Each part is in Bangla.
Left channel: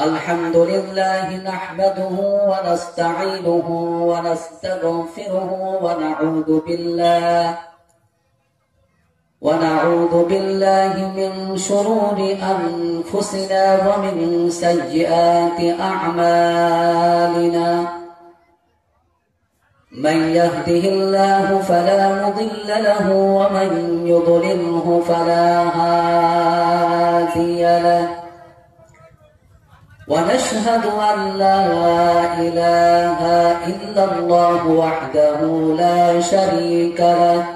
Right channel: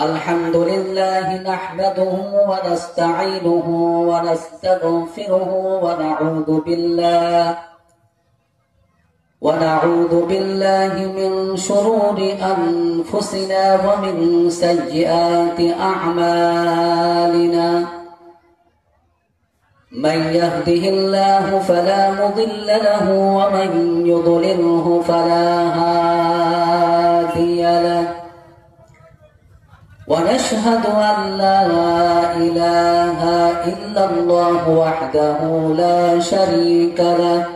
الحمد لله نحمده ونستعينه ونستغفره ونعوذ بالله من شرور أنفسنا ومن سيئات أعمالنا. من يهده الله فلا مضل له ومن يضلله فلا هادي له. ونشهد أن لا إله إلا الله وحده لا شريك له.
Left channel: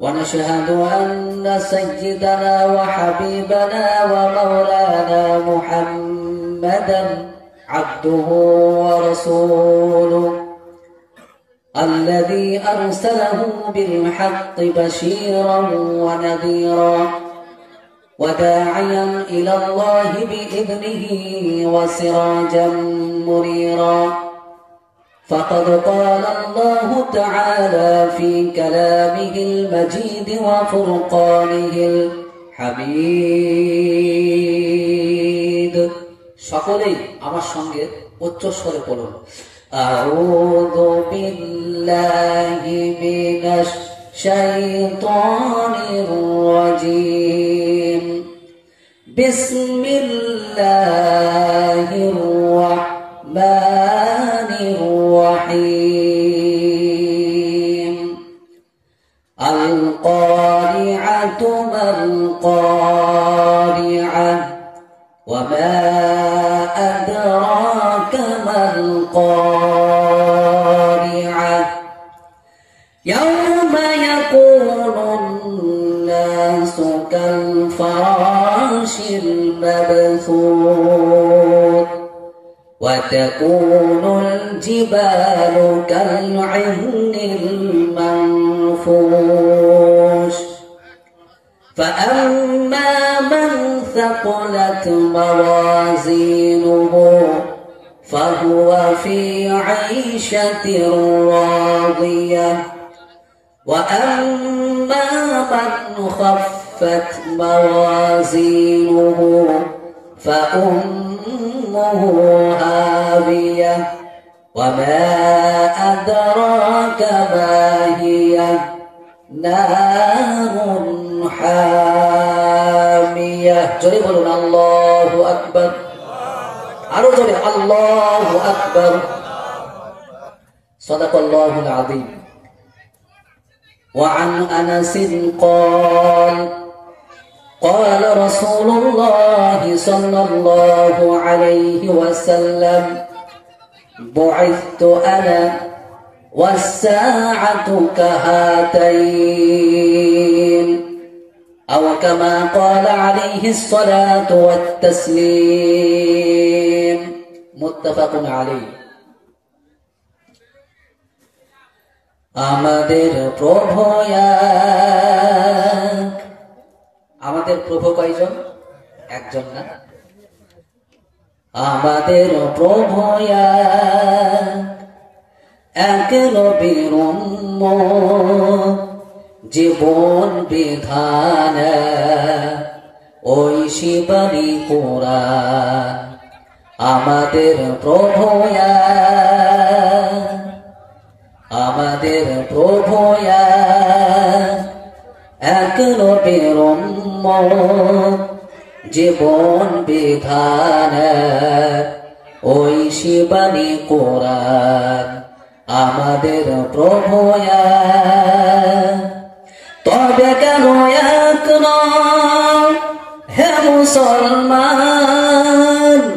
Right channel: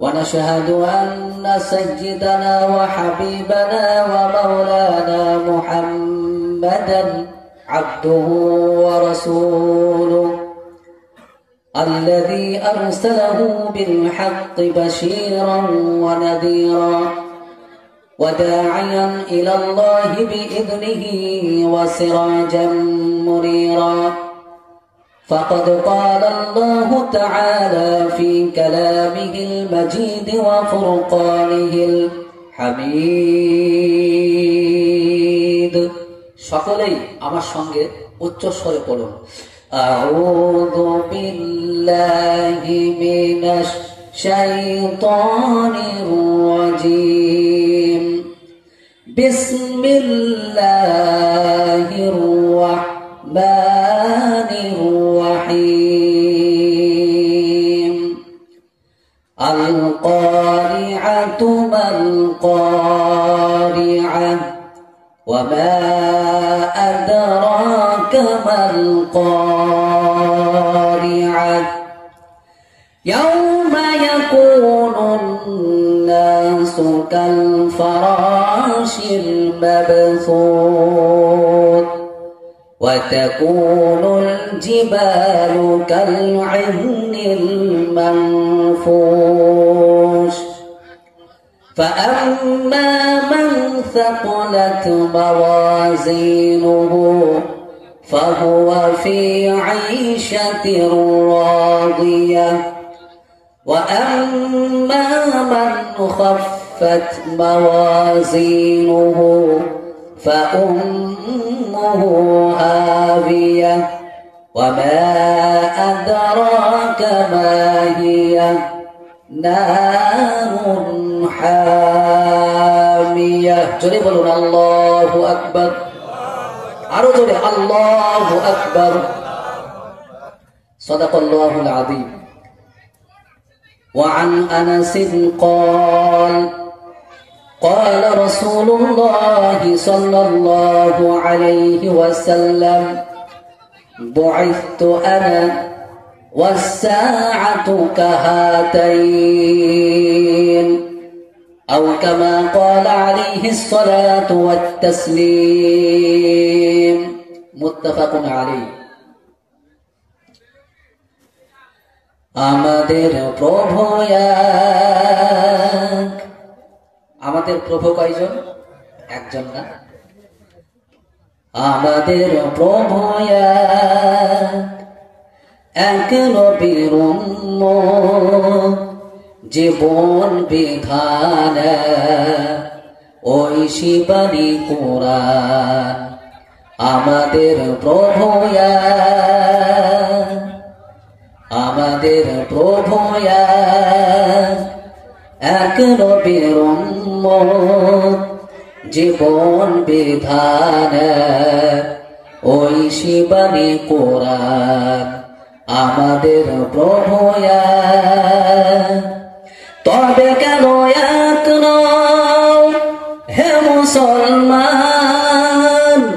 ونشهد أن سيدنا وحبيبنا ومولانا محمدا عبده ورسوله الذي أرسله بالحق بشيرا ونذيرا وداعيا إلى الله بإذنه وسراجا منيرا. فقد قال الله تعالى في كلامه المجيد وفرقانه الحميد. সকলেই আমার সঙ্গে উচ্চ স্বরে পড়ুন। আউযু বিল্লাহি মিনাশ শাইতানির রাজীম। বিসমিল্লাহির রাহমানির রহিম। আল কারিআতু মাল কারিআহ ওয়া মা আদরাকা মাল কারিআহ। يوم يكون الناس كالفراش المبثوث وتكون الجبال كالعهن المنفوش. فأما من ثقلت موازينه فهو في عيشة راضية. وأما من خفت موازينه فأمه هاوية. وما أدراك ما هي نار حامية. جري بولون الله أكبر. আরো জোরে আল্লাহু আকবার। সাদাকাল্লাহু আল-আযীম। وعن أنس قال قال رسول الله صلى الله عليه وسلم بعثت أنا والساعة كهاتين أو كما قال عليه الصلاة والتسليم. متفق عليه. আমাদের প্রভু এক। আমাদের প্রভু কয়জন? একজন না। আমাদের প্রভু এক নবীর উম্মত জীবন বিধান ওই শিবানী কোরআন। আমাদের প্রভু আমাদের প্রভু এক নবীর উম্মত জীবন বিধান ওই শিবানী কোরআন। আমাদের প্রভু তবে কেন এক নও হে মুসলমান,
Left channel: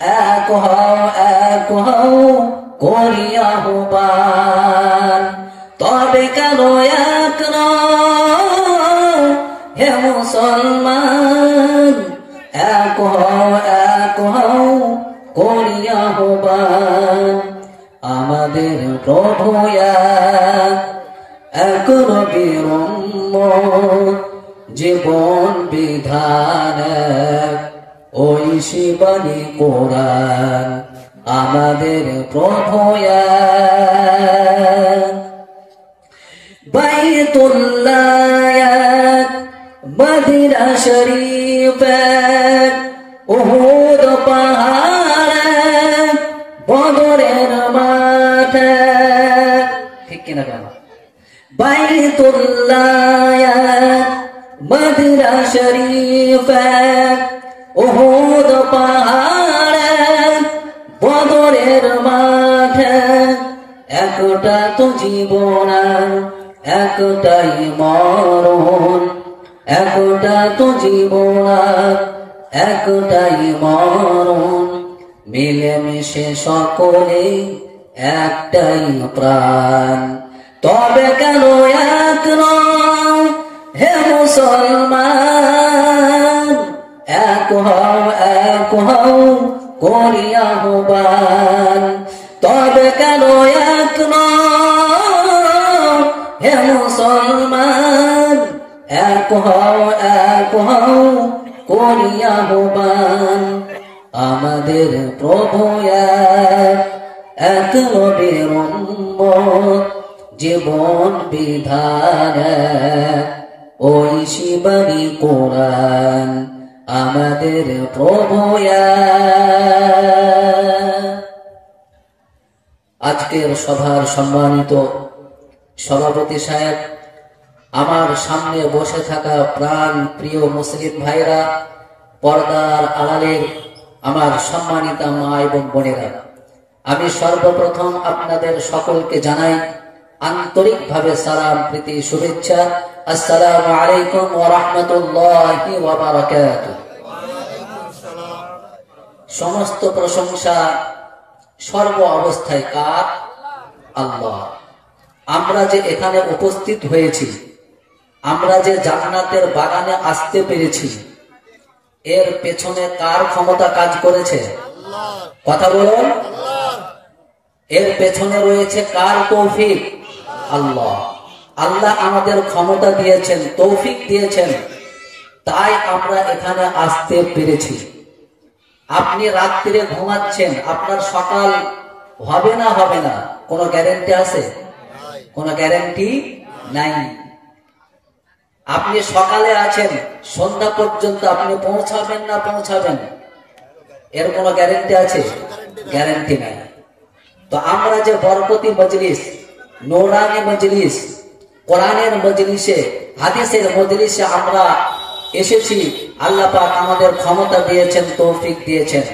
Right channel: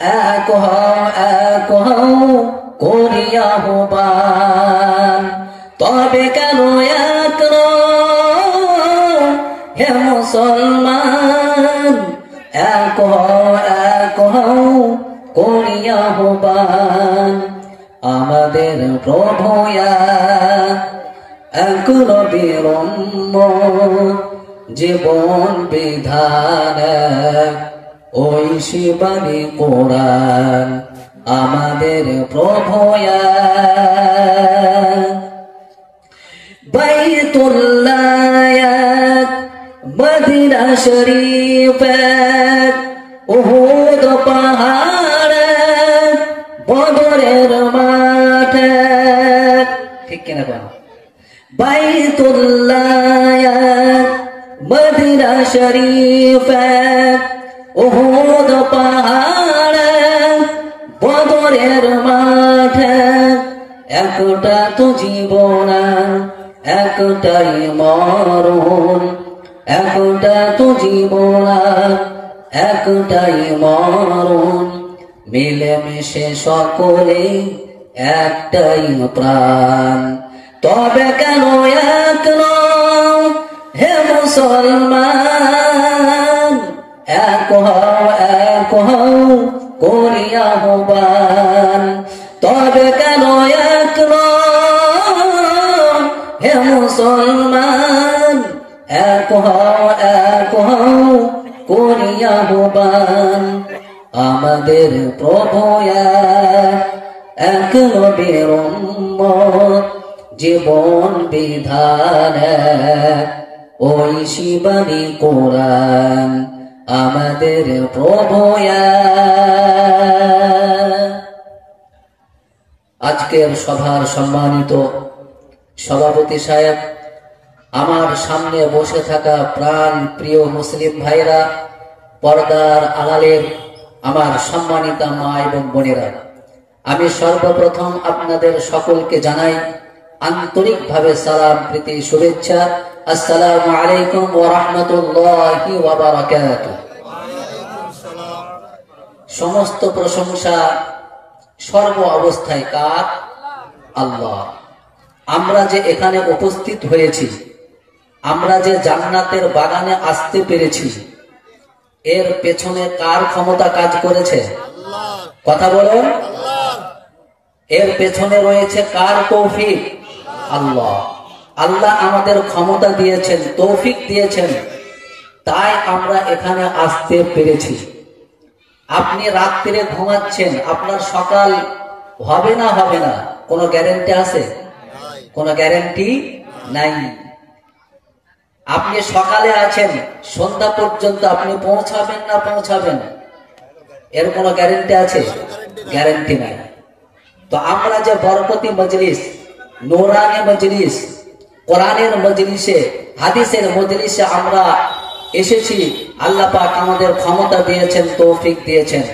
এক হও করি আহ্বান। তবে কেন এক নও হে মুসলমান, এক হও করি আহ্বান। আমাদের প্রভু এক নবীর উম্মত জীবন বিধান ওই শিবানী কোরআন। আমাদের প্রভু বাইতুল্লাহ মদিনা শরীফ উহুদ পাহাড়ে বদরের মাঠে, ঠিক কিনা বলো? বাইতুল্লাহ মদিনা শরীফে উহুদ পাহাড়ে বদরের মাঠে, একটা তো জীবন একটাই মরণ, একটা তো জীবন একটাই মরণ, মিলেমিশে সকলে একটাই প্রাণ। তবে কেন এক নও হে মুসলমান, এক হও করি আহ্বান। তবে কেন এক নও হে মুসলমান, এক হও করি আহ্বান। আমাদের প্রভু এক নবীর উম্মত, জীবন বিধান ওই শিবানী কোরআন আমাদের প্রভু। আজকের সভার সম্মানিত সভাপতি সাহেব, আমার সামনে বসে থাকা প্রাণ প্রিয় মুসলিম ভাইরা, পর্দার আড়ালের আমার সম্মানিতা মা এবং বোনেরা, আমি সর্বপ্রথম আপনাদের সকলকে জানাই আন্তরিকভাবে সালাম, প্রীতি, শুভেচ্ছা। আসসালামু আলাইকুম ওয়া রাহমাতুল্লাহি ওয়া বারাকাতুহু। সমস্ত প্রশংসা সর্ব অবস্থায় কার? আল্লাহ। আমরা যে এখানে উপস্থিত হয়েছি, আমরা যে জান্নাতের বাগানে আসতে পেরেছি, এর পেছনে কার ক্ষমতা কাজ করেছে? কথা বলুন। এর পেছনে রয়েছে কার তৌফিক? আল্লাহ। আল্লাহ আমাদের ক্ষমতা দিয়েছেন, তৌফিক দিয়েছেন, তাই আমরা এখানে আসতে পেরেছি। আপনি রাত্রিরে ঘুমাচ্ছেন, আপনার সকাল হবে না হবে না কোনো গ্যারান্টি আছে? কোনো গ্যারান্টি নাই। আপনি সকালে আছেন, সন্ধ্যা পর্যন্ত আপনি পৌঁছাবেন না পৌঁছাবেন, এর কোনো গ্যারান্টি আছে? গ্যারান্টি নাই। তো আমরা যে বরকতি মজলিস, নূরানি মজলিস, কোরআনের মজলিসে, হাদিসের মজলিসে আমরা এসেছি, আল্লাহ পাক আমাদের ক্ষমতা দিয়েছেন, তৌফিক দিয়েছেন।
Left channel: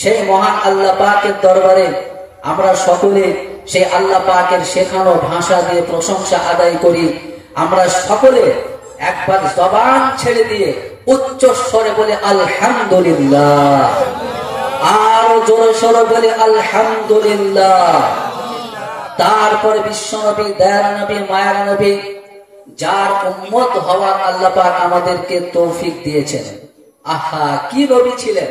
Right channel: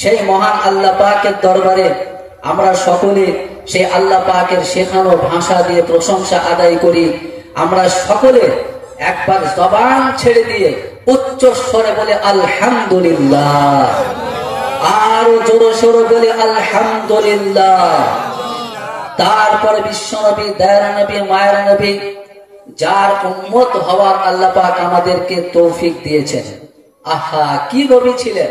সেই মহান আল্লাহ পাকের দরবারে আমরা সকলে সেই আল্লাহ পাকের শেখানো ভাষা দিয়ে প্রশংসা আদায় করি। আমরা সকলে একবার জবান ছেড়ে দিয়ে উচ্চ স্বরে বলে আলহামদুলিল্লাহ, আরো জোরে সোরে বলে আলহামদুলিল্লাহ। তারপরে বিশ্ব নবী, দয়ার নবী, মায়ের নবী, যার উম্মত হওয়ার আল্লাহ পাক আমাদেরকে তৌফিক দিয়েছেন। আহা, কি নবী ছিলেন,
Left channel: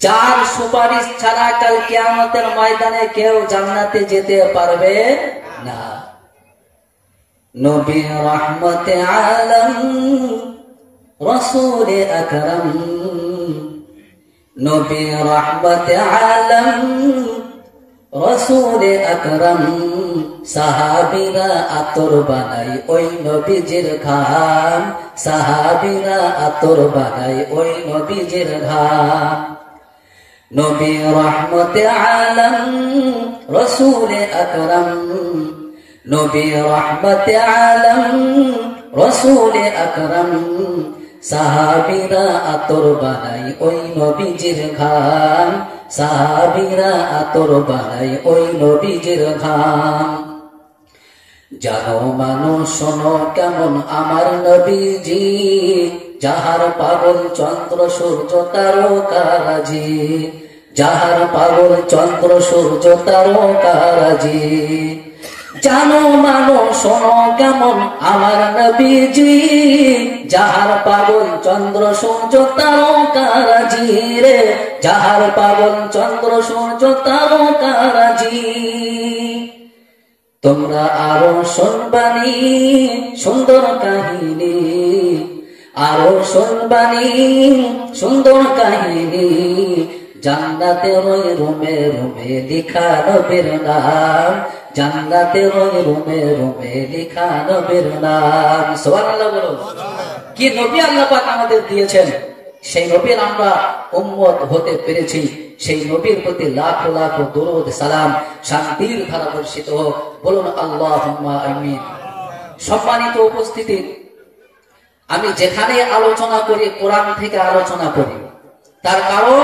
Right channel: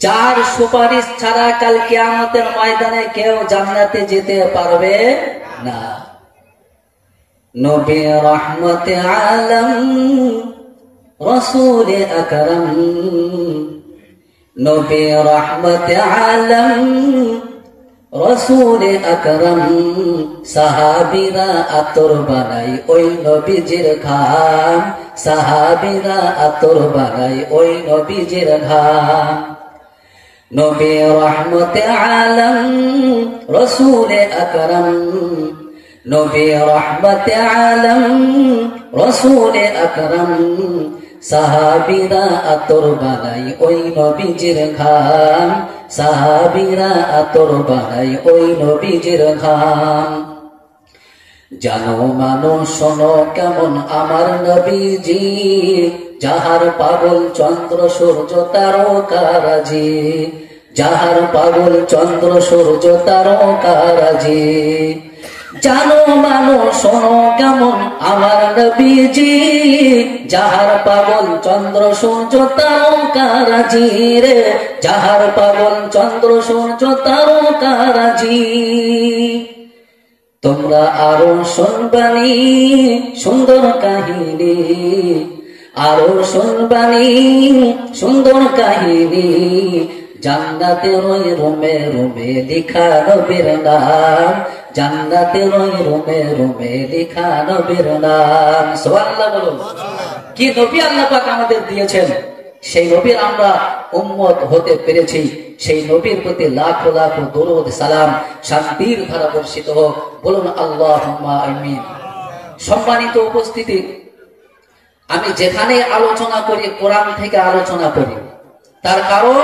যার সুপারিশ ছাড়া কাল কিয়ামতের ময়দানে কেউ জান্নাতে যেতে পারবে না। নবী রহমতে আলম, রাসূল আকরাম, নবী রহমতে আলম, রাসূল আকরাম। সাহাবীরা আতর বানাই ওই নবীজির ঘাম, সাহাবীরা আতর বানাই ওই নবীজির ঘাম। নবী রহমতে আলম, রাসূল আকরাম, নবী রহমতে আলম, রাসূল আকরাম। সাহাবীরা আতর বানাই ওই নবীজির ঘাম, সাহাবীরা আতর বানাই ওই নবীজির ঘাম। জানো মানো শোনো কেমন আমার নবীজি, যাহার পাগল চন্দ্র সূর্য তারকারাজি, যাহার পাগল চন্দ্র সূর্য তারকারাজি। জানো মানো শোনো কেমন আমার নবীজি, যাহার পাগল চন্দ্র সূর্য তারকারাজি রে, যাহার পাগল চন্দ্র সূর্য তারকারাজি। তোমরা আরো শুনবানি সুন্দর কাহিনী, আরো শুনবানি সুন্দর কাহিনী। জান্নাতে ওই রুমে রুমে লিখা নবীর নাম, জান্নাতে ওই রুমে রুমে লিখা নবীর নাম। সুবহানাল্লাহ বলুন। কি নবী আল্লাহ পাক আমাদের দিয়েছেন, সেই নবীর আমরা উম্মত হতে পেরেছি। সেই নবীর প্রতি লাখো লাখো দরুদ সালাম শান্তির ধারা বর্ষিত হোক, বলুন আল্লাহুম্মা আমিন। সম্মানিত উপস্থিতি, আমি যেখানে আলোচনা করি কোরআন থেকে আলোচনা করি, তার কারণ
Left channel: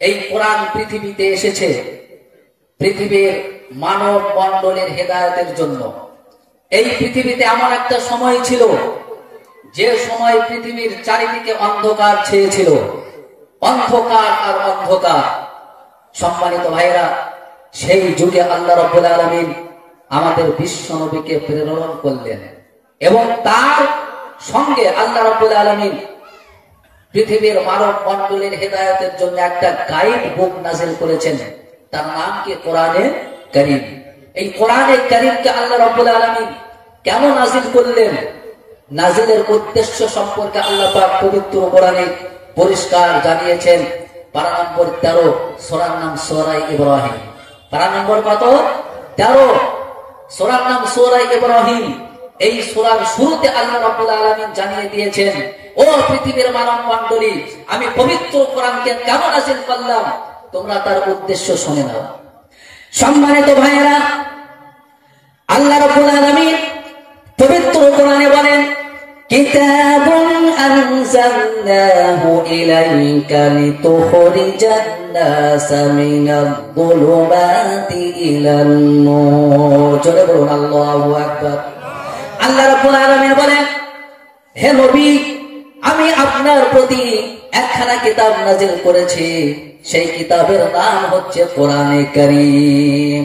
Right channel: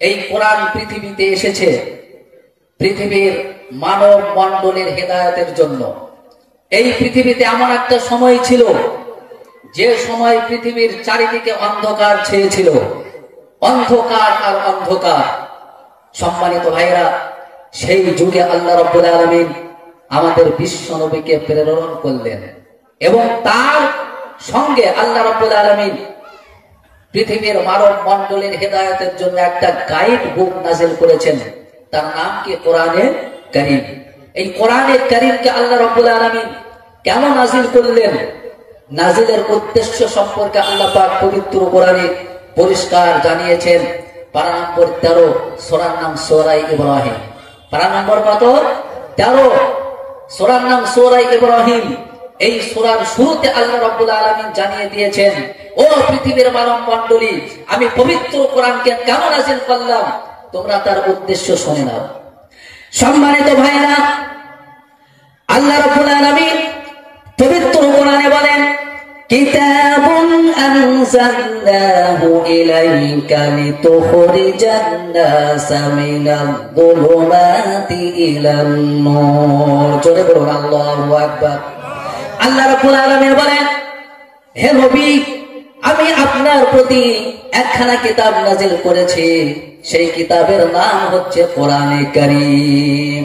এই কোরআন পৃথিবীতে এসেছে পৃথিবীর মানব মণ্ডলের হেদায়েতের জন্য। এই পৃথিবীতে এমন একটা সময় ছিল যে সময় পৃথিবীর চারিদিকে অন্ধকার ছেয়েছিল, অন্ধকার আর অন্ধকার। সম্মানিত ভাইরা, সেই যুগে আল্লাহ রাব্বুল আলামিন আমাদের বিশ্ব নবীকে প্রেরণ করলেন এবং তার সঙ্গে আল্লাহ রাব্বুল আলামিন পৃথিবীর মানব মণ্ডলের হেদায়েতের জন্য একটা গাইড বুক নাযিল করেছেন। তার নাম কি? কোরআনে কারীম। এই কোরআনে কারীমকে আল্লাহ রাব্বুল আলামিন কেন নাযিল করলেন? নাযিলের উদ্দেশ্য সম্পর্কে আল্লাহ পাক পবিত্র কোরআনে পরিষ্কার জানিয়েছেন। পারা নম্বর 13, সূরার নাম সূরা ইব্রাহিম। পারা নম্বর কত? 13, সূরার নাম সূরা ইব্রাহিম। এই সূরার শুরুতে আল্লাহ রাব্বুল আলামিন জানিয়ে দিয়েছেন, ও পৃথিবীর মানব মণ্ডলী, আমি পবিত্র কোরআনকে কেন নাযিল করলাম, তোমরা তার উদ্দেশ্য শুনে নাও। সম্মানিত ভাইরা, আল্লাহ রাব্বুল আলামিন পবিত্র কোরআনে বলেন, কিতাবুন আনজালনাহু ইলাইকা লিতুখরিজান নাসা মিনায-যুলুমাতি ইলান-নূর। জোরে বলুন আল্লাহু আকবার। আল্লাহ রাব্বুল আলামিন বলেন, হে নবী, আমি আপনার প্রতি একখানা কিতাব নাযিল করেছি, সেই কিতাবের নাম হচ্ছে কোরআনে কারীম।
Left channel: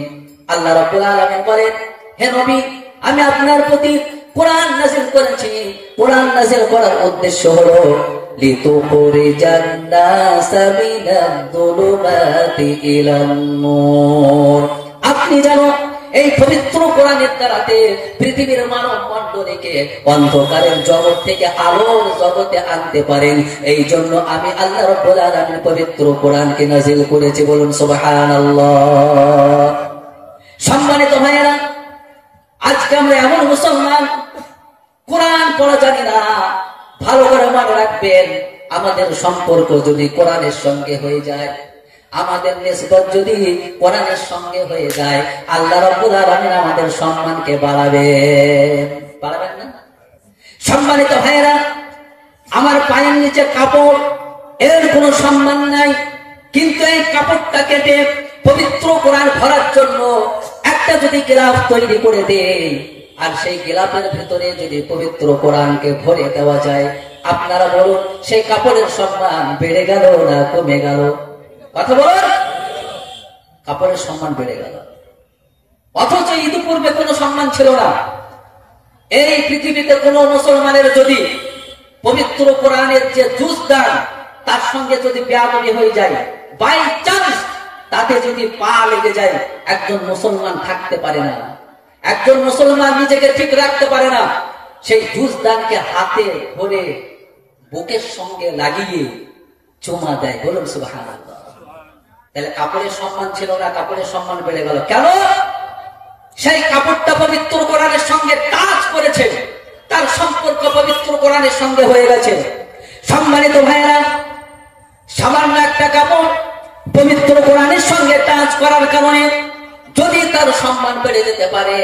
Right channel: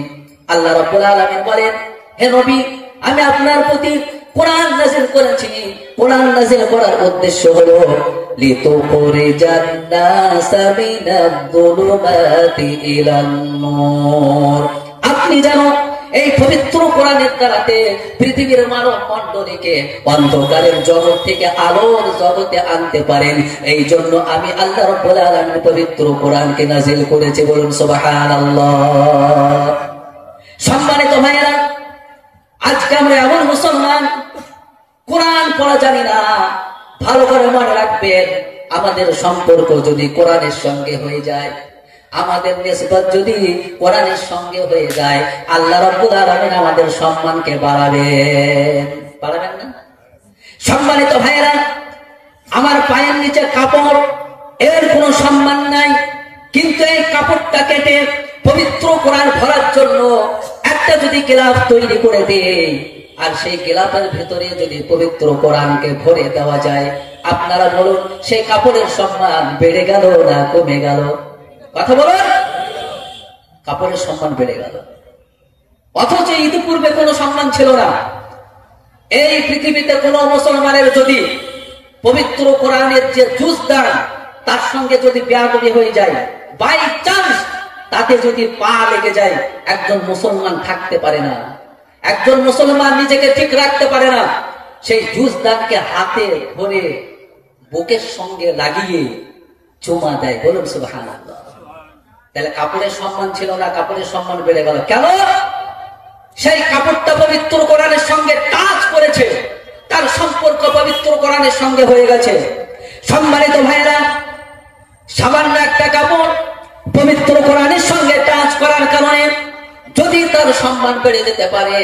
আল্লাহ রাব্বুল আলামিন বলেন, হে নবী, আমি আপনার প্রতি কোরআন নাযিল করেছি। কোরআন নাযিল করার উদ্দেশ্য হলো লিতুখরিজান নাসা মিনায-যুলুমাতি ইলান-নূর। আপনি জানো এই পবিত্র কোরআনের দ্বারাতে পৃথিবীর মানব মণ্ডলীকে অন্ধকারের জগৎ থেকে আলোর জগতে আনতে পারেন। এই জন্য আমি আল্লাহ রাব্বুল আলামিন পবিত্র কোরআনকে নাযিল করেছি। বলুন সুবহানাল্লাহ। সম্মানিত ভাইয়েরা, আজকে আমরা এমন মুসলমান, কোরআন পড়া জানি না। ভালো করে মনে রাখবেন, আমাদের সম্পর্ক যদি কোরআনের সঙ্গে হয়ে যায়, আমাদের নিসবত যদি কোরআনের সঙ্গে হয়ে যায়, আল্লাহ রাব্বুল আলামিন আমাদের সম্মানকে বাড়াবেন না? সম্মানিত ভাইয়েরা, আমার পায়ের নিচে কাপড়, এর কোনো সম্মান নাই, কিন্তু এই কাপড়টা কেটে পবিত্র কোরআন ভরার জন্য একটা যদি গিলাফ তৈরি করে দেয়, আর সেই গিলাফের ভেতরে যদি পবিত্র কোরআনকে ভরে দেওয়া যায়, আপনারা বলুন, সেই কাপড়ের সম্মান বেড়ে গেল না কমে গেল? কথা বলুন। কাপড়ের সম্মান বেড়ে গেল, অথচ ইতিপূর্বে কোনো সম্মান ছিল না। এই পৃথিবীতে কোন মুসলমানের যদি পবিত্র কোরআনের যে জুজদান, তার সঙ্গে যদি বেয়াদবি হয়ে যায়, বাই চান্স তাতে যদি পা লেগে যায়, একজন মুসলমান থাকতে পারে না, একজন মুসলমান নিজেকে ঠিক রাখতে পারে না। সেই জুজদানকে হাতে ধরে বুকের সঙ্গে লাগিয়ে চুমা দেয়। বলুন সুবহানাল্লাহ। তাহলে কাপড়ের সম্মান ছিল না, কাপড়ের সম্মান বেড়ে গেল কেন? সেই কাপড়টা পবিত্র কোরআনের সঙ্গে টাচ করেছে, তার সম্পর্ক পবিত্র কোরআনের সঙ্গে হয়ে গেছে। সম্মানিত ভাইয়েরা, সামান্য একটা কাপড় পবিত্র কোরআনের সঙ্গে টাচ করার কারণে যদি তার সম্মান বেড়ে যেতে পারে,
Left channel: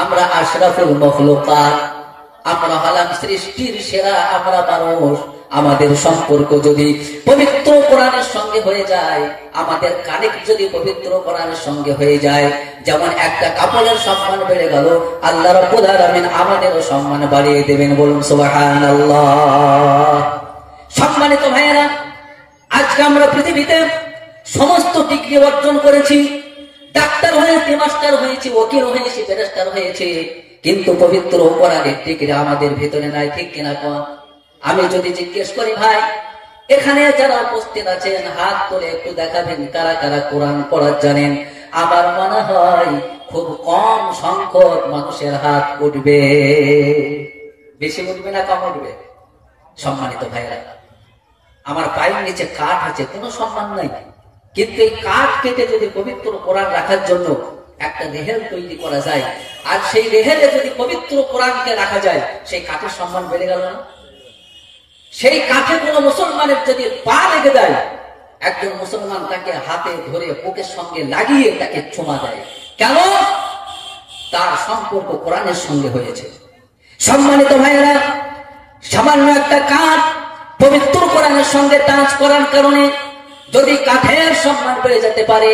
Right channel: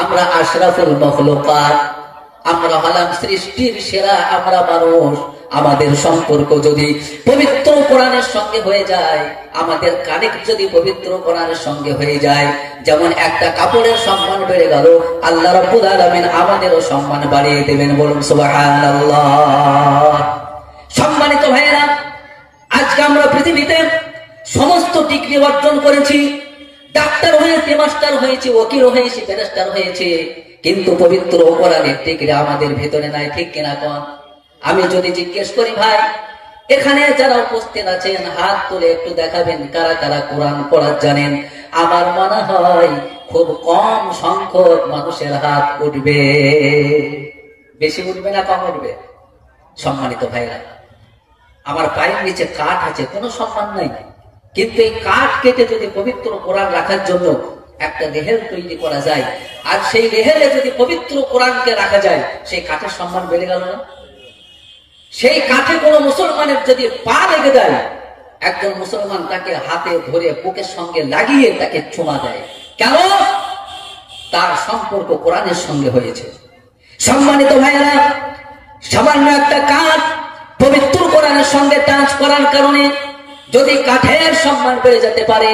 আমরা আশরাফুল মখলুকাত, আমরা হলাম সৃষ্টির সেরা, আমরা মানুষ, আমাদের সম্পর্ক যদি পবিত্র কোরআনের সঙ্গে হয়ে যায়, আমাদের কানেক্ট যদি পবিত্র কোরআনের সঙ্গে হয়ে যায়, যেমন একটা কাপড়ের সম্মান বেড়ে গেল, আল্লাহ রাব্বুল আলামিন আমাদেরও সম্মান বাড়িয়ে দেবেন। বলুন সুবহানাল্লাহ। সম্মানিত ভাইয়েরা, আজকে আমরা পৃথিবীতে সমস্ত ডিগ্রি অর্জন করেছি, ডাক্তার হয়েছি, মাস্টার হয়েছি, ওকিল হয়েছি, ব্যারিস্টার হয়েছি, কিন্তু পবিত্র কোরআনের ডিগ্রি আমাদের ভিতরে নাই। ঠিক কিনা কম? আমি যদি জিজ্ঞেস করি, ভাই এখানে যারা উপস্থিত আছেন হাত তুলে একটু দেখাবেন কারা কারা কোরআন পড়া জানেন, আমার মনে হয় খুব কম সংখ্যক মানুষের হাত উঠবে। বেশি উঠবে না কম উঠবে? সম্মানিত ভাইরা, আমার পায়ের নিচে কাঠ আছে, কোনো সম্মান নাই, কিন্তু এই কাঠ কেটে যদি পবিত্র কোরআন রাখার জন্য একটা রেহেল তৈরি করা যায়, আর সেই রেহেলে যদি পবিত্র কোরআনকে রাখা যায়, সেই কাঠের সম্মান বেড়ে গেল না? সেই কাঠে কোনো মুসলমানের যদি পা লেগে দেয়, একজন মুসলমান তাকে হাতে ধরে বুকের সঙ্গে লাগিয়ে তাকে চুমা দেয়। কেন? তার সম্পর্ক কোরআনের সঙ্গে হয়েছে। সম্মানিত ভাইরা, সামান্য একটা কাঠ পবিত্র কোরআনের সঙ্গে টাচ করার কারণে যদি কাঠের সম্মান পেয়ে যেতে পারে,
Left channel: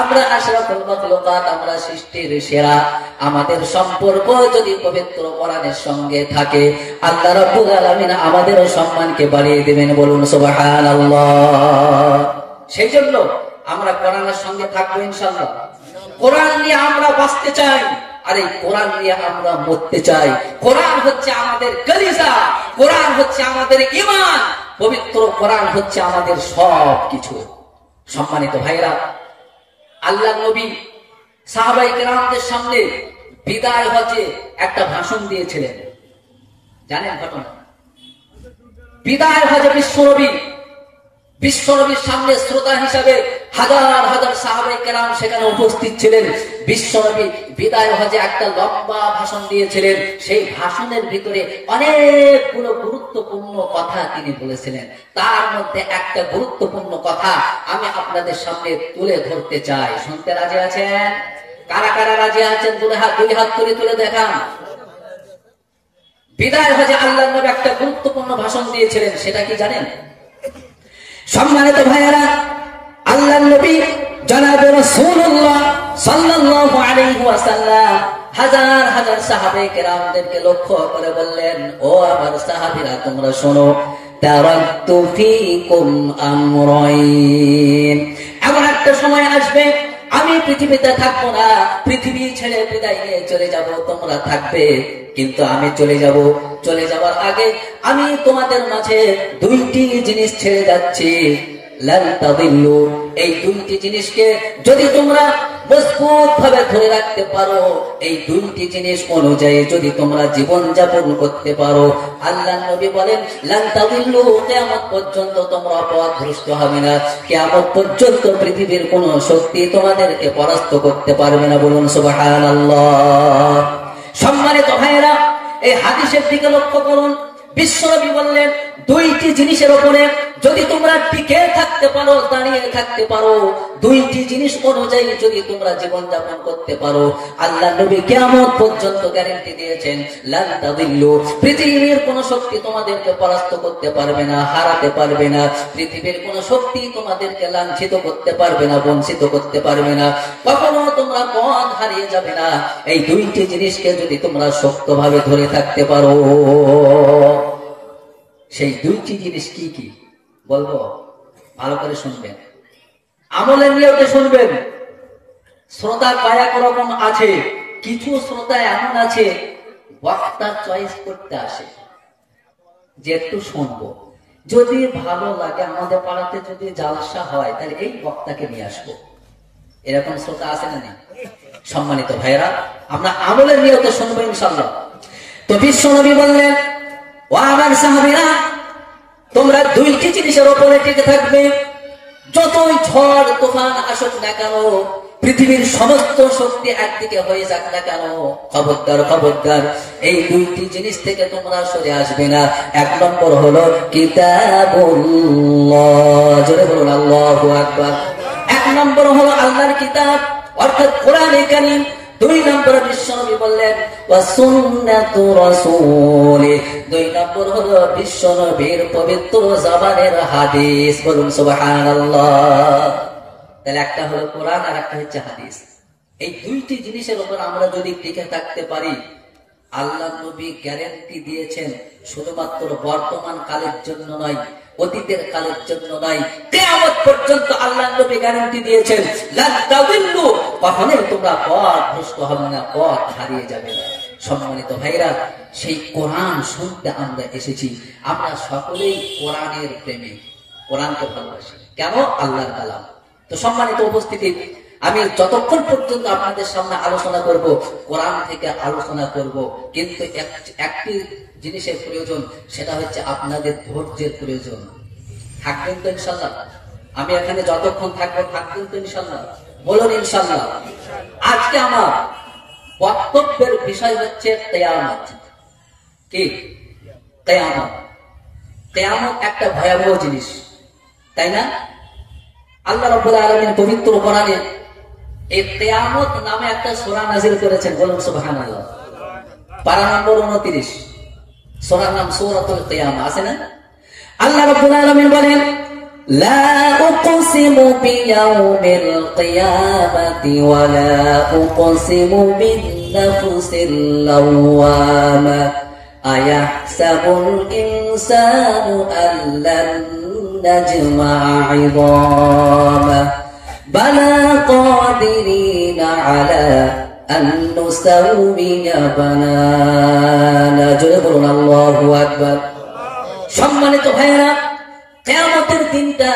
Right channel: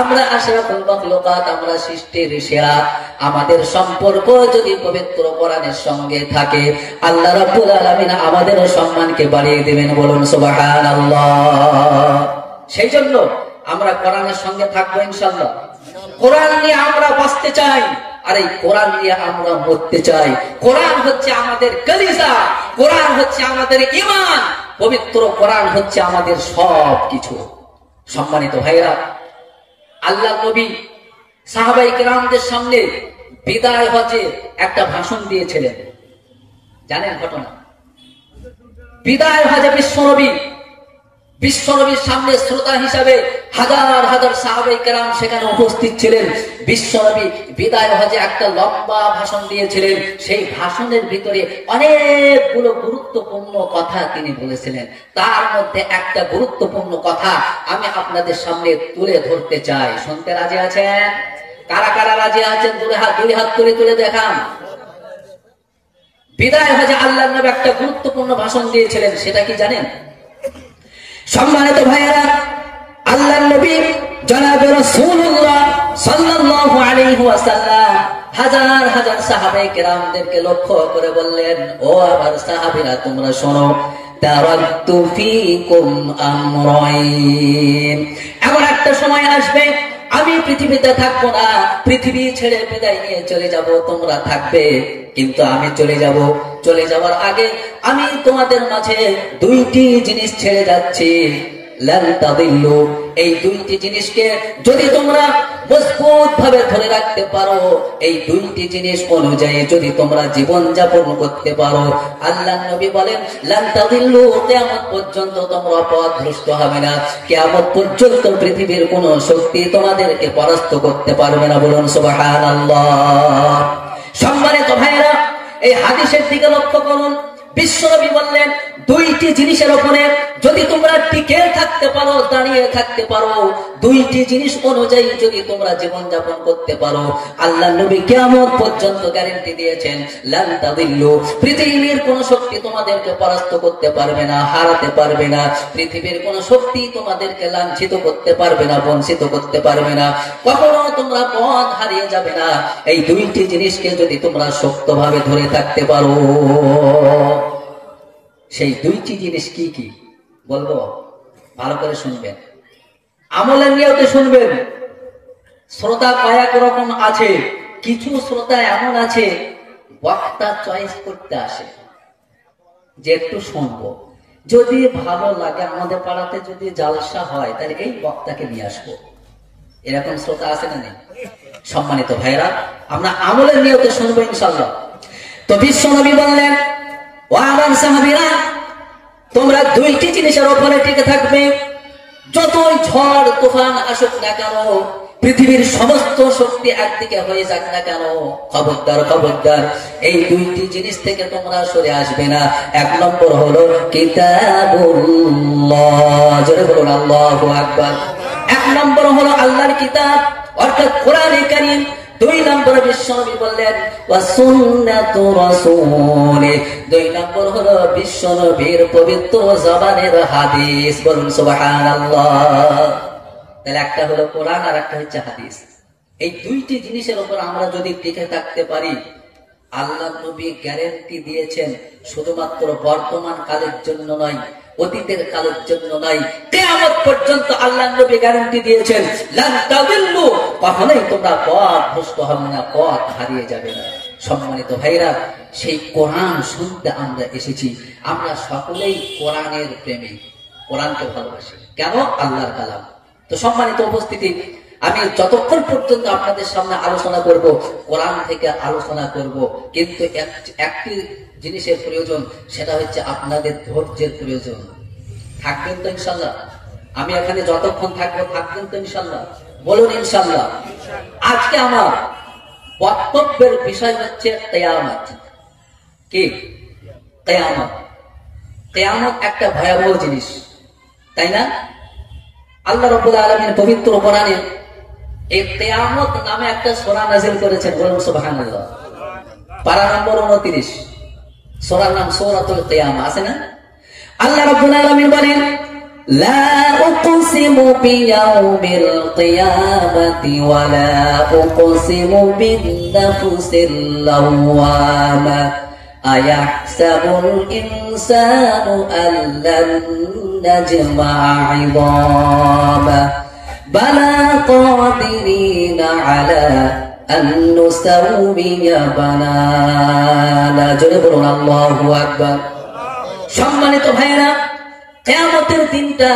আমরা আশরাফুল মাখলুকাত, আমরা সৃষ্টির সেরা, আমাদের সম্পর্ক যদি পবিত্র কোরআনের সঙ্গে থাকে, আল্লাহ রাব্বুল আলামিন আমাদের সম্মানকে বাড়িয়ে দিবেন। বলুন সুবহানাল্লাহ। সেই জন্য আমরা কোরআনের সঙ্গে থাকবো ইনশাআল্লাহ। কোরআন নিয়ে আমরা বাঁচতে চাই, আর এই কোরআন নিয়ে আমরা মরতে চাই। কোরআন হচ্ছে আমাদের কলিজা, কোরআন হচ্ছে আমাদের ঈমান, পবিত্র কোরআন হচ্ছে আমাদের সব কিছু। সম্মানিত ভাইরা, আল্লাহর নবী সাহাবায়ে কেরামদের সামনে বিদায় হজে একটা ভাষণ দিয়েছিলেন। জানেন ঘটনা? বিদায় হজে বিশ্বনবীর সামনে শ্রোতা হিসাবে হাজার হাজার সাহাবায়ে কেরাম সেখানে উপস্থিত ছিলেন। বিশ্বনবী বিদায় হজে একটা লম্বা ভাষণ দিয়েছিলেন। সেই ভাষণের ভিতরে অনেকগুলো গুরুত্বপূর্ণ কথা তিনি বলেছিলেন। তার মধ্যে একটা গুরুত্বপূর্ণ কথা আমি আপনাদের সামনে তুলে ধরতে চাই। শুনতে রাজি আছেন? কারা কারা রাজি আছেন? দুই হাত তুলে দেখান। বিদায় হজে আল্লাহর নবী একটা গুরুত্বপূর্ণ ভাষণ দিয়েছিলেন। সেটা কি জানেন? সম্মানিত ভাইয়েরা, আল্লাহর নবী জনাব রাসূলুল্লাহ সাল্লাল্লাহু আলাইহি ওয়াসাল্লাম হাজার হাজার সাহাবায়ে কেরামদেরকে লক্ষ্য করে বললেন, ও আমার সাহাবীরা, তোমরা শোনো, তারাকতু ফীকুম আমরাইন। এমন একটা সময় আসবে আমি পৃথিবীতে থাকবো না, পৃথিবী ছেড়ে বিদায় নিয়ে চলে যাব, তোমরা থাকবে, কিন্তু আমি চলে যাওয়ার আগে আমি তোমাদের মাঝে দুইটি জিনিস ছেড়ে যাচ্ছি। লান তাদিল্লু, এই দুইটি জিনিসকে যদি তোমরা মজবুত ভাবে ধরে রাখতে পারো, এই দুইটি জিনিস অনুযায়ী যদি তোমরা জীবন যাপন করতে পারো, আল্লাহর নবী বলেন, লান তাদিল্লু, কিয়ামত পর্যন্ত তোমরা পথভ্রষ্ট হবে না। কিয়ামত পর্যন্ত পৃথিবীর কোন শক্তি তোমাদেরকে পরাস্ত করতে পারবে না। বলুন সুবহানাল্লাহ। সম্মানিত ভাইয়েরা, এই হাদিসের দিকে লক্ষ্য করুন। বিশ্বনবী বললেন, দুইটি জিনিসের উপরে যদি তোমরা টিকে থাকতে পারো, দাঁড়িয়ে থাকতে পারো, দুইটি জিনিস অনুযায়ী যদি তোমরা জীবন যাপন করতে পারো, আল্লাহ নবী কিয়ামত পর্যন্ত গ্যারান্টি দিয়েছেন, লান তাদিল্লু, পৃথিবীর কোন শক্তি তোমাদেরকে পরাস্ত করতে পারবে না, হারাতে পারবে না। পৃথিবীর কোন শক্তি তোমাদেরকে লাঞ্ছিত করতে পারবে না, বঞ্চিত করতে পারবে না, কখনো তোমরা পথ হারিয়ে যাবে না। এই দুইটি জিনিসকে যদি তোমরা শক্তভাবে ধরে থাকতে পারো। সেই দুইটি জিনিস কি কি বলবো, ভালো করে শুনবেন, আমলের নিয়তে শুনবেন। শ্রোতা কয়েক রকম আছে। কিছু শ্রোতা এমন আছে বক্তা চয়েস করতে আসে যে একটু শুনবো, যদি ভালো লাগে, আমাদের পাড়াতে যদি জালসা হয় তাহলে এই বক্তাকে নিয়ে আসবো, এরকম শ্রোতা আছে না নেই? সম্মানিত ভাইরা, আমরা আমলের নিয়তে শুনবো ইনশাআল্লাহ। তো বিশ্বনবী বললেন, ও আমার সাহাবীরা, তোমরা দুইটি জিনিসের উপরে টিকে থাকবে। যতই ঝড় তুফান আসুক না কেন, পৃথিবীর সমস্ত শক্তি একদিকে হয়ে যাক না কেন, খবরদার এই দুইটি জিনিস থেকে তোমরা সরে আসবে না। এক নম্বর হলো কিতাবুল্লাহ, জোরে বলুন আল্লাহু আকবার। এক নম্বর হলো আল্লাহর কিতাব অর্থাৎ কোরআনে কারীম। দুই নম্বরে বিশ্বনবী বললেন ওয়া সুন্নাতু রাসূলি, দুই নম্বর হলো বিশ্বনবীর পবিত্র জবানের হাদিস। বলুন সুবহানাল্লাহ। তাহলে একটা হলো কোরআন আর একটা হচ্ছে হাদিস। এই দুইটি জিনিসের উপর আমরা যদি টিকে থাকতে পারি, আল্লাহ নবী গ্যারান্টি দিয়েছেন, শুধুমাত্র বর্তমান কালের জন্য নয়, অতীতের কালের জন্য নয়, কিয়ামত পর্যন্ত আল্লাহ নবী গ্যারান্টি দিয়েছেন, লান তাদিল্লু, কখনোই তোমরা পথভ্রষ্ট হবে না, পথ হারিয়ে যাবে না। সম্মানিত ভাইরা, সেই কোরআন শুনতে আমরা এসেছি। আমরা সকলেই কোরআনের প্রেমী, কোরআনকে ভালোবাসি। কেন? আল্লাহর কালাম। তো সম্মানিত উপস্থিতি, আমি যতক্ষণ পর্যন্ত আপনাদের সামনে আলোচনা করব, কোরআন থেকে আলোচনা করব, কিন্তু একটি জিনিসের প্রয়োজন, সেটা হচ্ছে আপনাদের ধৈর্যের প্রয়োজন। থাকবেন তো ইনশাআল্লাহ? আমি এখানে যতক্ষণ থাকবো, থাকবেন তো ইনশাআল্লাহ? বলুন ইনশাআল্লাহ। আজকে আমার বক্তব্যের বিষয় হচ্ছে কিয়ামত। কি? কিয়ামত। কিয়ামত একটা ভয়াবহ জিনিস, তাই না? আল্লাহ রাব্বুল আলামিন পবিত্র কোরআনে এই কিয়ামত নামে একটা সূরা নাযিল করেছেন, বলুন সুবহানাল্লাহ। পারা নম্বর 29, সূরার নাম সূরাতুল কিয়ামা, আছে না? আল্লাহ রাব্বুল আলামিন বলেন, লা উকসিমু বিয়াউমিল কিয়ামাতি ওয়া লা উকসিমু বিন নাফসিল লাওয়ামা আয়াহসাবুল ইনসানু আল্লান নাজমা'a 'idama বালা কাদিরিনা আলা আন নুসাউবিয়া বানানা। জোরে বলুন আল্লাহু আকবার। সম্মানিত ভাইরা, কিয়ামতের দিনটা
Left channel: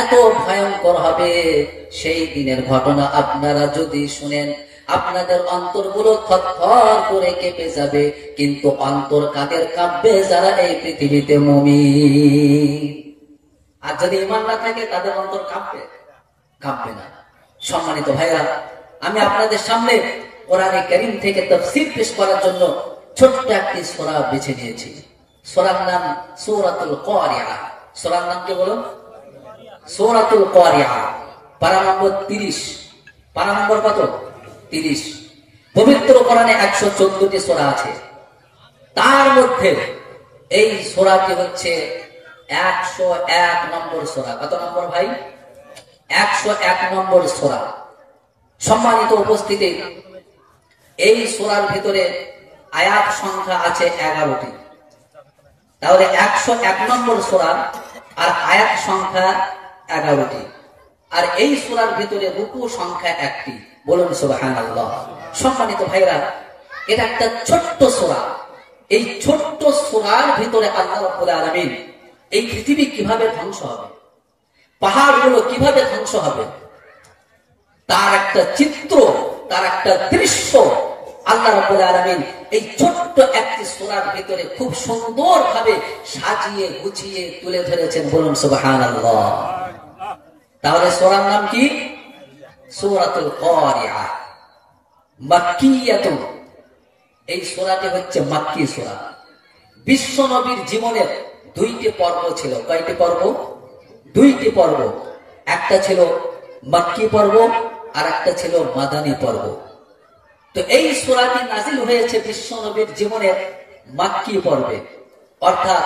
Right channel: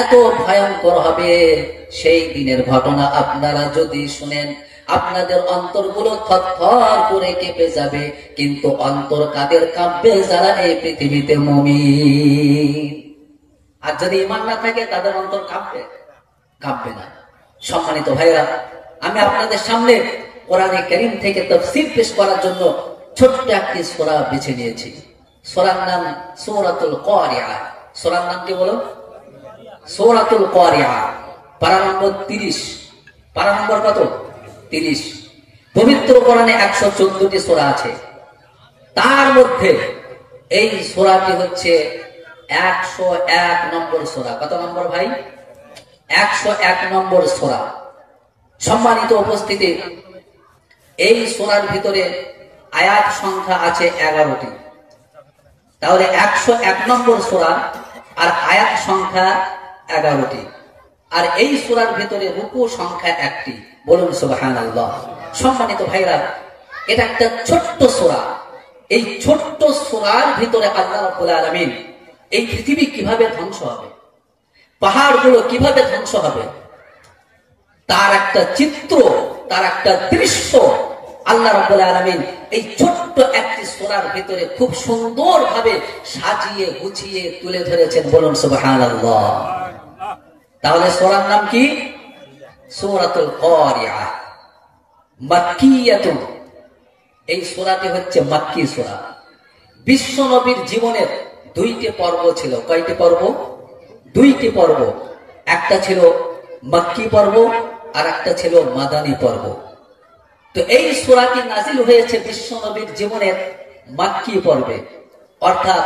এত ভয়ঙ্কর হবে, সেই দিনের ঘটনা আপনারা যদি শুনেন আপনাদের অন্তরগুলো থরথর করে কেঁপে যাবে। কিন্তু অন্তর কাদের কাঁপবে? যারা এই পৃথিবীতে মুমিন। আর যদি ঈমান না থাকে তাদের অন্তর কাঁপবে? কাঁপবে না। সম্মানিত ভাইরা, আমি আপনাদের সামনে কোরআনে কারীম থেকে তাফসীর পেশ করার জন্য ছোট্ট একটি সূরা বেছে নিয়েছি। সূরার নাম সূরাতুল কারিআ। সূরার নাম কি বলুন? সূরাতুল কারিআ। পারা নম্বর 30। পারা নম্বর কত? 30। পবিত্র কোরআনে 114টি সূরা আছে, তার মধ্যে এই সূরাটি হচ্ছে 101 নম্বর সূরা। কত নম্বর ভাই? 101 নম্বর সূরা। সম্মানিত উপস্থিতি, এই সূরার ভিতরে আয়াত সংখ্যা আছে 11টি। তাহলে 101 নম্বর সূরা আর আয়াত সংখ্যা 11টি। আর এই সূরার ভিতরে রুকু সংখ্যা 1টি। বলুন সুবহানাল্লাহ। সম্মানিত ভাইরা, এটা একটা ছোট্ট সূরা। এই ছোট্ট সূরার ভিতরে আল্লাহ রাব্বুল আলামিন এই পৃথিবী কিভাবে ধ্বংস হবে, পাহাড়গুলো কিভাবে ধ্বংস হবে, তার একটা চিত্র, তার একটা দৃশ্য আল্লাহ রাব্বুল আলামিন এই ছোট্ট একটি সূরার ভিতরে খুব সুন্দরভাবে সাজিয়ে গুছিয়ে তুলে ধরেছেন। বলুন সুবহানাল্লাহ। তাহলে সূরার নাম কি? সূরাতুল কারিআ। মাক্কিয়াতুন। এই সূরাটি হচ্ছে মাক্কি সূরা। বিশ্ব নবীর জীবনের 2টি পর্ব ছিল। কয়টি পর্ব? 2টি পর্ব। একটা ছিল মাক্কি পর্ব আর একটা ছিল মাদানী পর্ব। তো এই সূরাটি নাযিল হয়েছে বিশ্ব নবীর জীবনের মাক্কি পর্বে, অর্থাৎ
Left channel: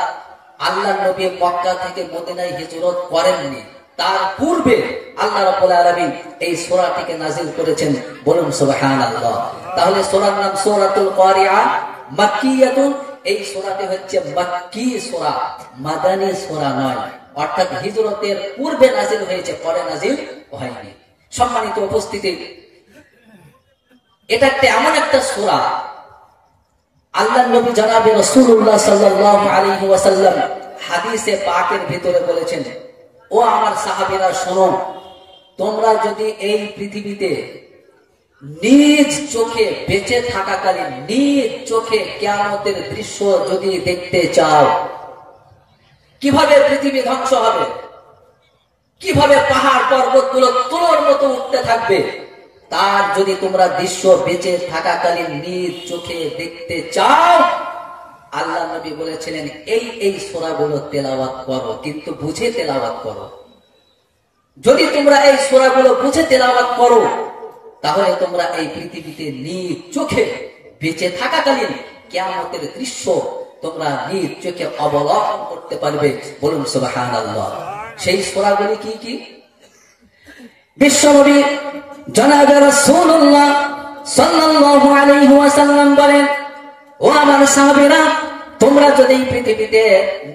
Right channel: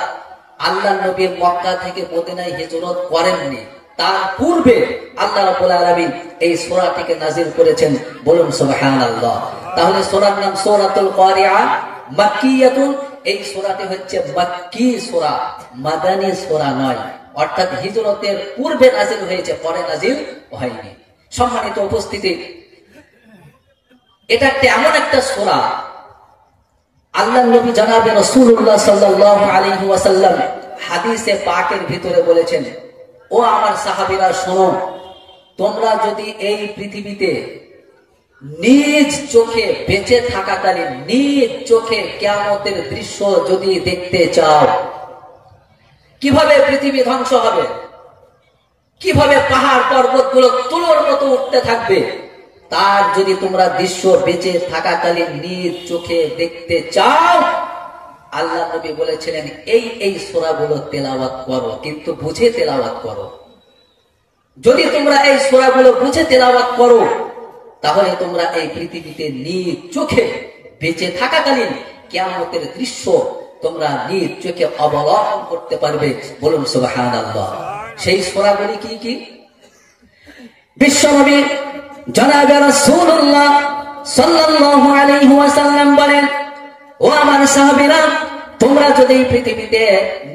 আল্লাহ নবী মক্কা থেকে মদিনায় হিজরত করেননি, তার পূর্বে আল্লাহ রাব্বুল আলামিন এই সূরাটিকে নাযিল করেছেন। বলুন সুবহানাল্লাহ। তাহলে সূরার নাম সূরাতুল কারিআ, মাক্কিয়াতুন। এই সূরাটি হচ্ছে মাক্কি সূরা, মাদানী সূরা নয়, অর্থাৎ হিজরতের পূর্বে নাযিল হয়েছে, পরে নাযিল হয়নি। সম্মানিত উপস্থিতি, এটা এমন একটা সূরা, আল্লাহর নবী জনাবে রাসূলুল্লাহ সাল্লাল্লাহু আলাইহি ওয়াসাল্লাম হাদিসে পাকের ভিতরে বলেছেন, ও আমার সাহাবীরা শোনো, তোমরা যদি এই পৃথিবীতে নিজ চোখে বেঁচে থাকাকালীন নিজ চোখে কিয়ামতের দৃশ্য যদি দেখতে চাও, কিভাবে পৃথিবী ধ্বংস হবে, কিভাবে পাহাড় পর্বতগুলো তুলোর মতো উঠতে থাকবে, তার যদি তোমরা দৃশ্য বেঁচে থাকাকালীন নিজ চোখে দেখতে চাও, আল্লাহ নবী বলেছিলেন এই সূরাগুলো তেলাওয়াত করো, কিন্তু বুঝে তেলাওয়াত করো। যদি তোমরা এই সূরাগুলো বুঝে তেলাওয়াত করো, তাহলে তোমরা এই পৃথিবীতে নিজ চোখে বেঁচে থাকাকালীন কিয়ামতের দৃশ্য তোমরা নিজ চোখে অবলোকন করতে পারবে। বলুন সুবহানাল্লাহ। সেই সূরাগুলি কি কি? বিশ্বনবী জনাবে রাসূলুল্লাহ সাল্লাল্লাহু আলাইহি ওয়াসাল্লাম বলেন, ও আমার সাহাবীরা, তোমরা যদি পৃথিবীতে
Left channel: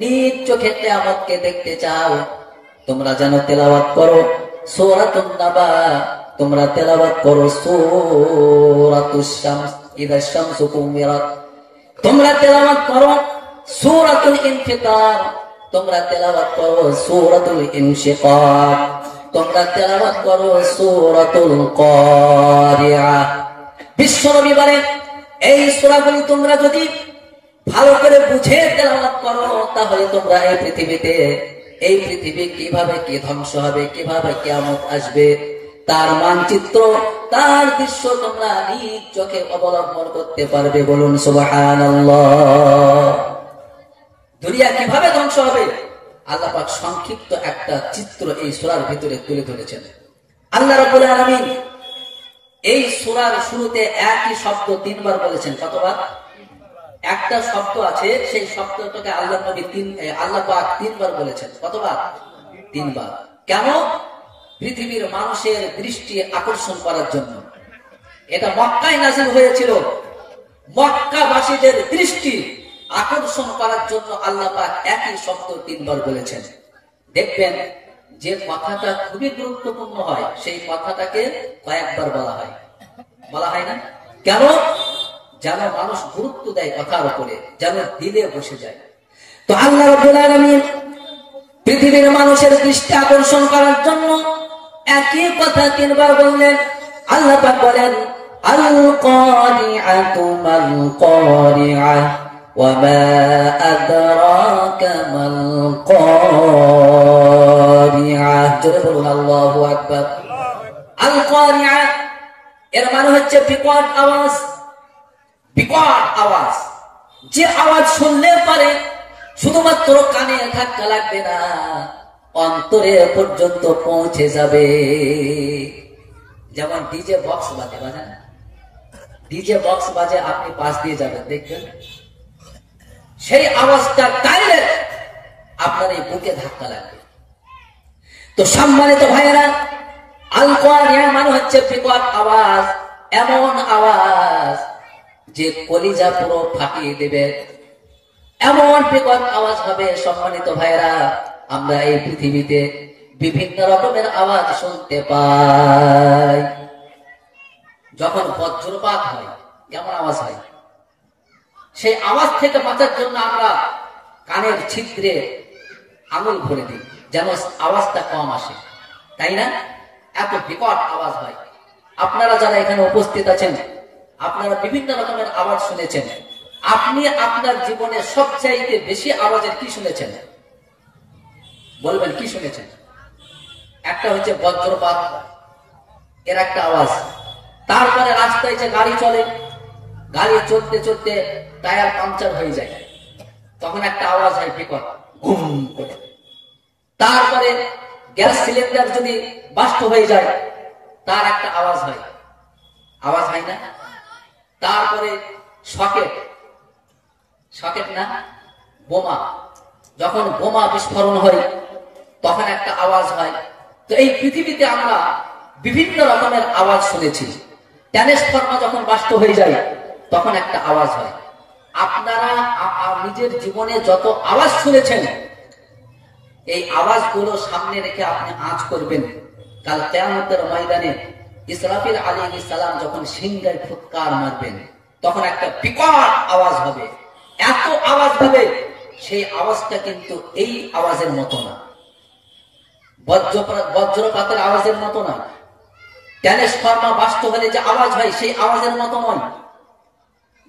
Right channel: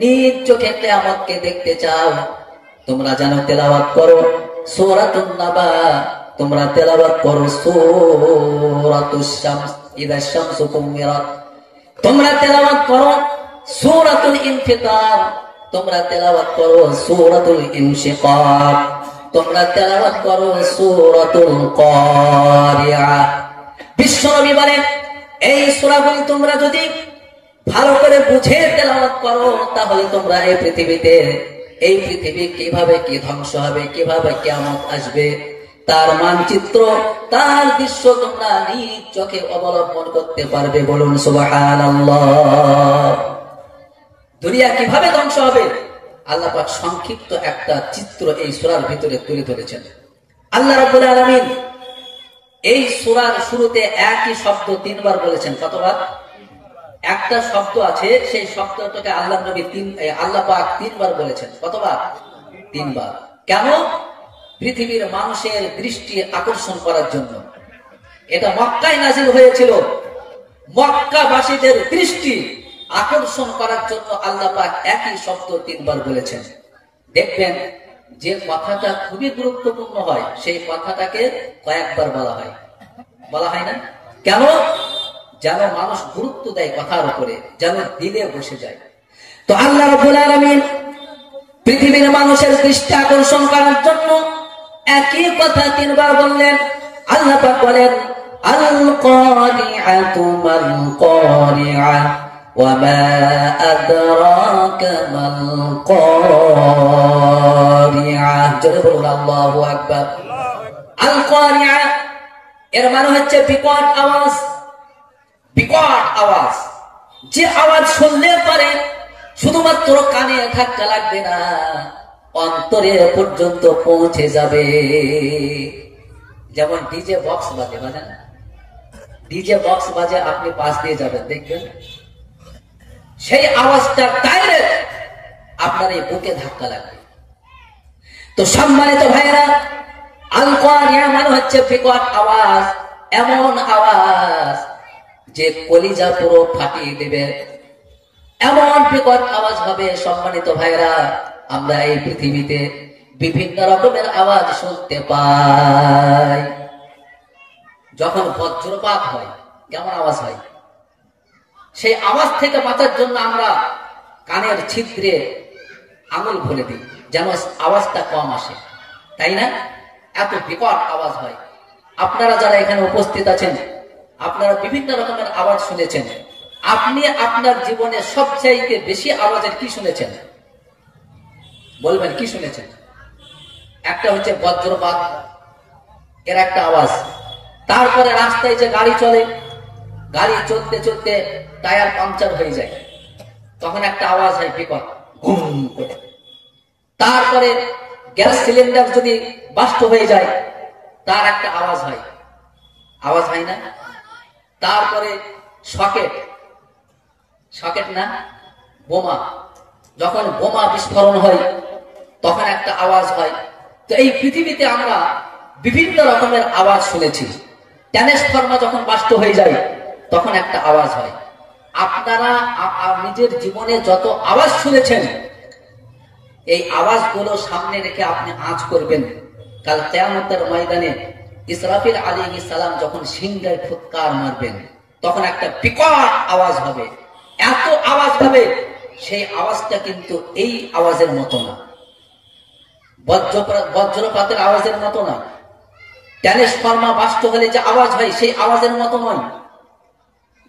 নিজ চোখে কিয়ামতকে দেখতে চাও, তোমরা যেন তেলাওয়াত করো সূরাতুন নাবা, তোমরা তেলাওয়াত করো সূরাতুশ শামস ইযা শামসু কুমিরাত, তোমরা তেলাওয়াত করো সূরাতুল ইনফিতার, তোমরা তেলাওয়াত করো সূরাতুল ইনশিকাক, তোমরা তেলাওয়াত করো সূরাতুল কারিআ। বিশ্বনবী বলেন, এই সূরাগুলি তোমরা যদি ভালো করে বুঝে তেলাওয়াত করো, তাহলে তোমরা এই পৃথিবী কিভাবে কি ধ্বংস হবে, কিভাবে কিয়ামত আসবে, তার মানচিত্র, তার দৃশ্য তোমরা নিজ চোখে অবলম্বন করতে পারবে। বলুন সুবহানাল্লাহ। দুনিয়া কিভাবে ধ্বংস হবে আল্লাহ পাক সংক্ষিপ্ত একটা চিত্র এই সূরার ভিতরে তুলে ধরেছেন। আল্লাহ রাব্বুল আলামিন এই সূরার শুরুতে একই শব্দ 3 বার বলেছেন। কতবার? একটা শব্দ আছে, সেই শব্দটাকে আল্লাহ পাক 3 বার বলেছেন। কতবার? 3 বার। কেন? পৃথিবীর মানুষের দৃষ্টি আকর্ষণ করার জন্য। এটা মক্কায় নাযিল হয়েছিল, মক্কাবাসীদের দৃষ্টি আকর্ষণ করার জন্য আল্লাহ পাক একই শব্দ 3 বার বলেছেন। দেখবেন যে কথাটা খুবই গুরুত্বপূর্ণ হয় সেই কথাটাকে কয়েকবার বলা হয় না? কেন? যেন মানুষ গুরুত্ব দেয় কথার উপরে, যেন দিলে বসে যায়। তো আল্লাহ রাব্বুল আলামিন পৃথিবীর মানুষের দৃষ্টি আকর্ষণ করার জন্য একই কথা 3 বার বললেন। আল্লাহ পাক বলেন, আল কারিআতু মাল কারিআ ওয়া মা আদরাকা মাল কারিআ। জোরে বলুন আল্লাহু আকবার। আল কারিআ এর মানে হচ্ছে বিকট আওয়াজ। বিকট আওয়াজ, যে আওয়াজ শুনলে পরে শুধুমাত্র কানে ধাক্কা লাগবে না, অন্তরে পর্যন্ত পৌঁছে যাবে। যেমন ডিজে বক্স বাজে না? ডিজে বক্স বাজে, আপনি পাশ দিয়ে যাবেন, দেখবেন সেই আওয়াজটা ডাইরেক্ট আপনার এই বুকে ধাক্কা লাগবে। তো সম্মানিত ভাইরা, আল কারিআ মানে হচ্ছে বিকট আওয়াজ, এমন আওয়াজ যে কলিজা পুরো ফাটিয়ে দেবে, এমন বিকট আওয়াজ হবে। সম্মানিত ভাইরা, আমরা এই পৃথিবীতে বিভিন্ন রকমের আওয়াজ শুনতে পাই। যখন বজ্রপাত হয় কেমন আওয়াজ হয়? সেই আওয়াজ থেকে বাঁচার জন্য আমরা কানের ছিদ্রে আঙুল ভরে দিই যেন আওয়াজটা কম আসে, তাই না? এত বিকট আওয়াজ হয়। আপনারা যারা এখানে উপস্থিত আছেন, আপনারা বিভিন্ন রকমের আওয়াজ শুনেছেন। আপনি আপনার জীবনে সবচাইতে বেশি আওয়াজের কি শুনেছেন? বলবেন কি শুনেছেন? একটা হচ্ছে বজ্রপাত, এর একটা আওয়াজ। তারপরে রাস্তায় যে গাড়ি চলে, গাড়ি চলতে চলতে টায়ার পাংচার হয়ে যায়, তখন একটা আওয়াজ হয় বিকট, ঘুম করে। তারপরে গ্যাস সিলিন্ডার যদি বাস্ট হয়ে যায়, তার একটা আওয়াজ হয় না? তারপরে সকেট না, বোমা, যখন বোমা বিস্ফোরণ হয় তখন একটা আওয়াজ হয়। তো এই পৃথিবীতে আমরা বিভিন্ন রকমের আওয়াজ শুনেছি। ট্রান্সফরমার যখন বাস্ট হয়ে যায় তখন একটা আওয়াজ হয়। আপনারা নিজের জীবনে যত আওয়াজ শুনেছেন, এই আওয়াজগুলো সামনে রেখে আপনি আঁচ করবেন। কাল কিয়ামতের ময়দানে ইসরাফিল আলাইহিস সালাম যখন সিংহায় ফুৎকার মারবেন, তখন একটা বিকট আওয়াজ হবে। এত আওয়াজ হবে, সেই আওয়াজটা কিন্তু এই আওয়াজের মতো না, বজ্রপাতের আওয়াজের মতো না, ট্রান্সফরমার বাস্ট হলে যে আওয়াজ হয় সেই আওয়াজের মতো নয়,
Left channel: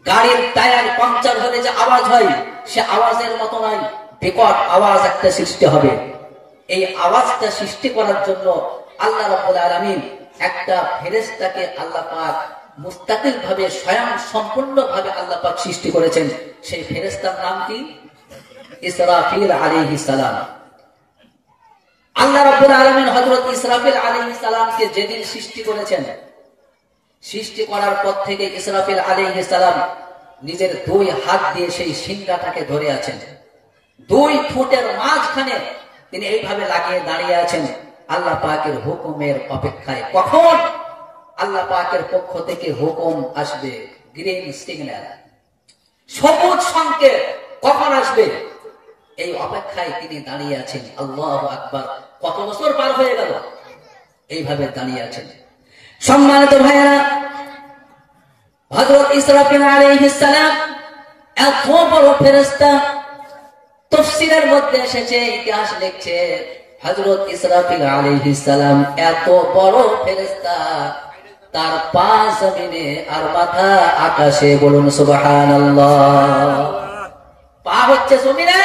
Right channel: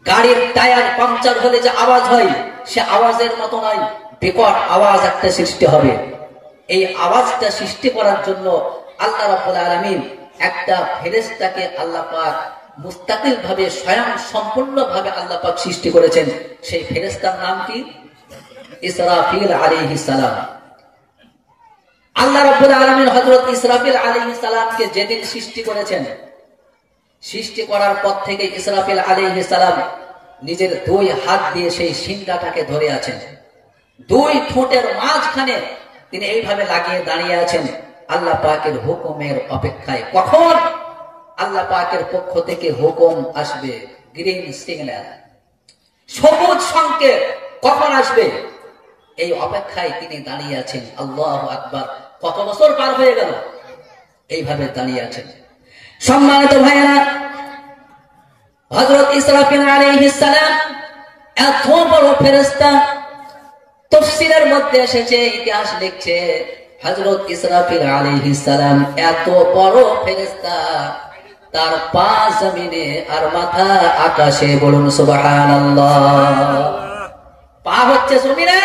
গাড়ির টায়ার পাংচার হলে যে আওয়াজ হয় সে আওয়াজের মতো নয়। বিকট আওয়াজ একটা সৃষ্টি হবে। এই আওয়াজটা সৃষ্টি করার জন্য আল্লাহ রাব্বুল আলামিন একটা ফেরেশতাকে আল্লাহ পাক মুস্তাকিল ভাবে, স্বয়ং সম্পূর্ণ ভাবে আল্লাহ পাক সৃষ্টি করেছেন। সেই ফেরেশতার নাম কি? ইসরাফিল আলাইহিস সালাম। আল্লাহ রাব্বুল আলামিন হযরত ইসরাফিল আলাইহিস সালামকে যেদিন সৃষ্টি করেছেন, সৃষ্টি করার পর থেকে ইসরাফিল আলাইহিস সালাম নিজের 2 হাত দিয়ে সেই সিংহাটাকে ধরে আছেন। 2 ঠোঁটের মাঝখানে তিনি এইভাবে লাগিয়ে দাঁড়িয়ে আছেন আল্লাহ পাকের হুকুমের অপেক্ষায়। কখন আল্লাহ পাকের পক্ষ থেকে হুকুম আসবে, গ্রিন সিগন্যাল, সবুজ সংকেত কখন আসবে, এই অপেক্ষায় তিনি দাঁড়িয়ে আছেন। আল্লাহু আকবার। কত বছর পার হয়ে গেল, এইভাবে দাঁড়িয়ে আছেন। সম্মানিত ভাইয়েরা, হযরত ইসরাফিল আলাইহিস সালাম এত বড় ফেরেশতা। তাফসীরের মধ্যে এসেছে, ইতিহাস লিখছে, হযরত ইসরাফিল আলাইহিস সালাম এত বড় ফেরেশতা, তার পা জমিনে আর মাথা আকাশে। বলুন সুবহানাল্লাহ। পা হচ্ছে জমিনে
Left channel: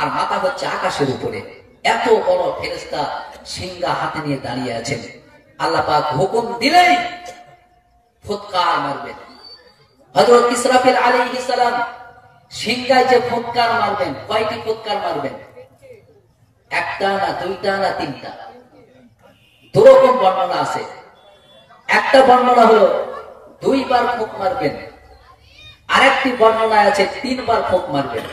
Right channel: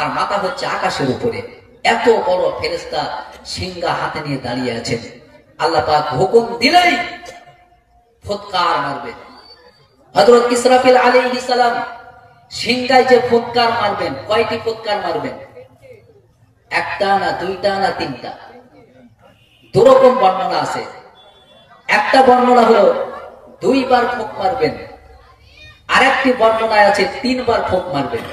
আর মাথা হচ্ছে আকাশের উপরে। এত বড় ফেরেশতা সিংহা হাতে নিয়ে দাঁড়িয়ে আছেন। আল্লাহ পাক হুকুম দিলেই ফুৎকার মারবে। হযরত ইসরাফিল আলাইহিস সালাম সিংহায় যে ফুৎকার মারবেন, কয়টি ফুৎকার মারবেন? একটা না, দুইটা না, তিনটা? দুরকম বর্ণনা আছে। একটা বর্ণনা হলো 2 বার ফুঁক মারবেন, আরেকটি বর্ণনায় আছে 3 বার ফুঁক মারবেন।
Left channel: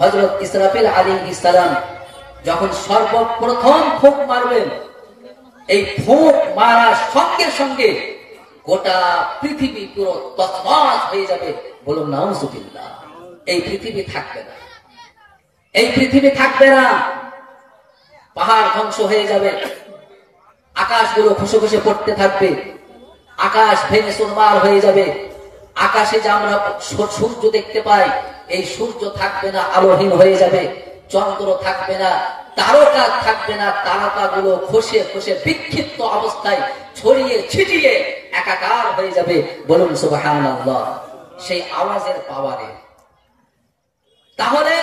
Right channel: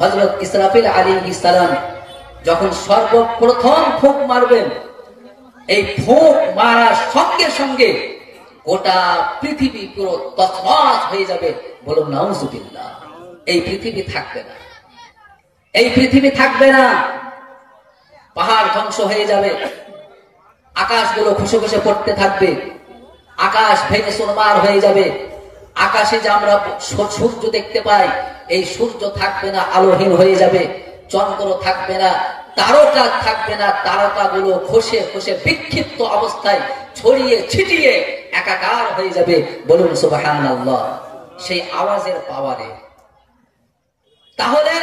হযরত ইসরাফিল আলাইহিস সালাম যখন সর্বপ্রথম ফুঁক মারবেন, এই ফুঁক মারার সঙ্গে সঙ্গে গোটা পৃথিবী পুরো তছনছ হয়ে যাবে। বলুন নাউযুবিল্লাহ। এই পৃথিবী থাকবে না, এই পৃথিবী থাকবে না। পাহাড় ধ্বংস হয়ে যাবে, আকাশগুলো খসে খসে পড়তে থাকবে, আকাশ ভেঙে চুরমার হয়ে যাবে। আকাশে যে আমরা সূর্য দেখতে পাই, এই সূর্য থাকবে না, আলোহীন হয়ে যাবে। চন্দ্র থাকবে না, তারকা থাকবে না, তারকাগুলো খসে খসে বিক্ষিপ্ত অবস্থায় ছড়িয়ে ছিটিয়ে একাকার হয়ে যাবে। বলুন সুবহানাল্লাহ। সেই আওয়াজের পাওয়ারে। তাহলে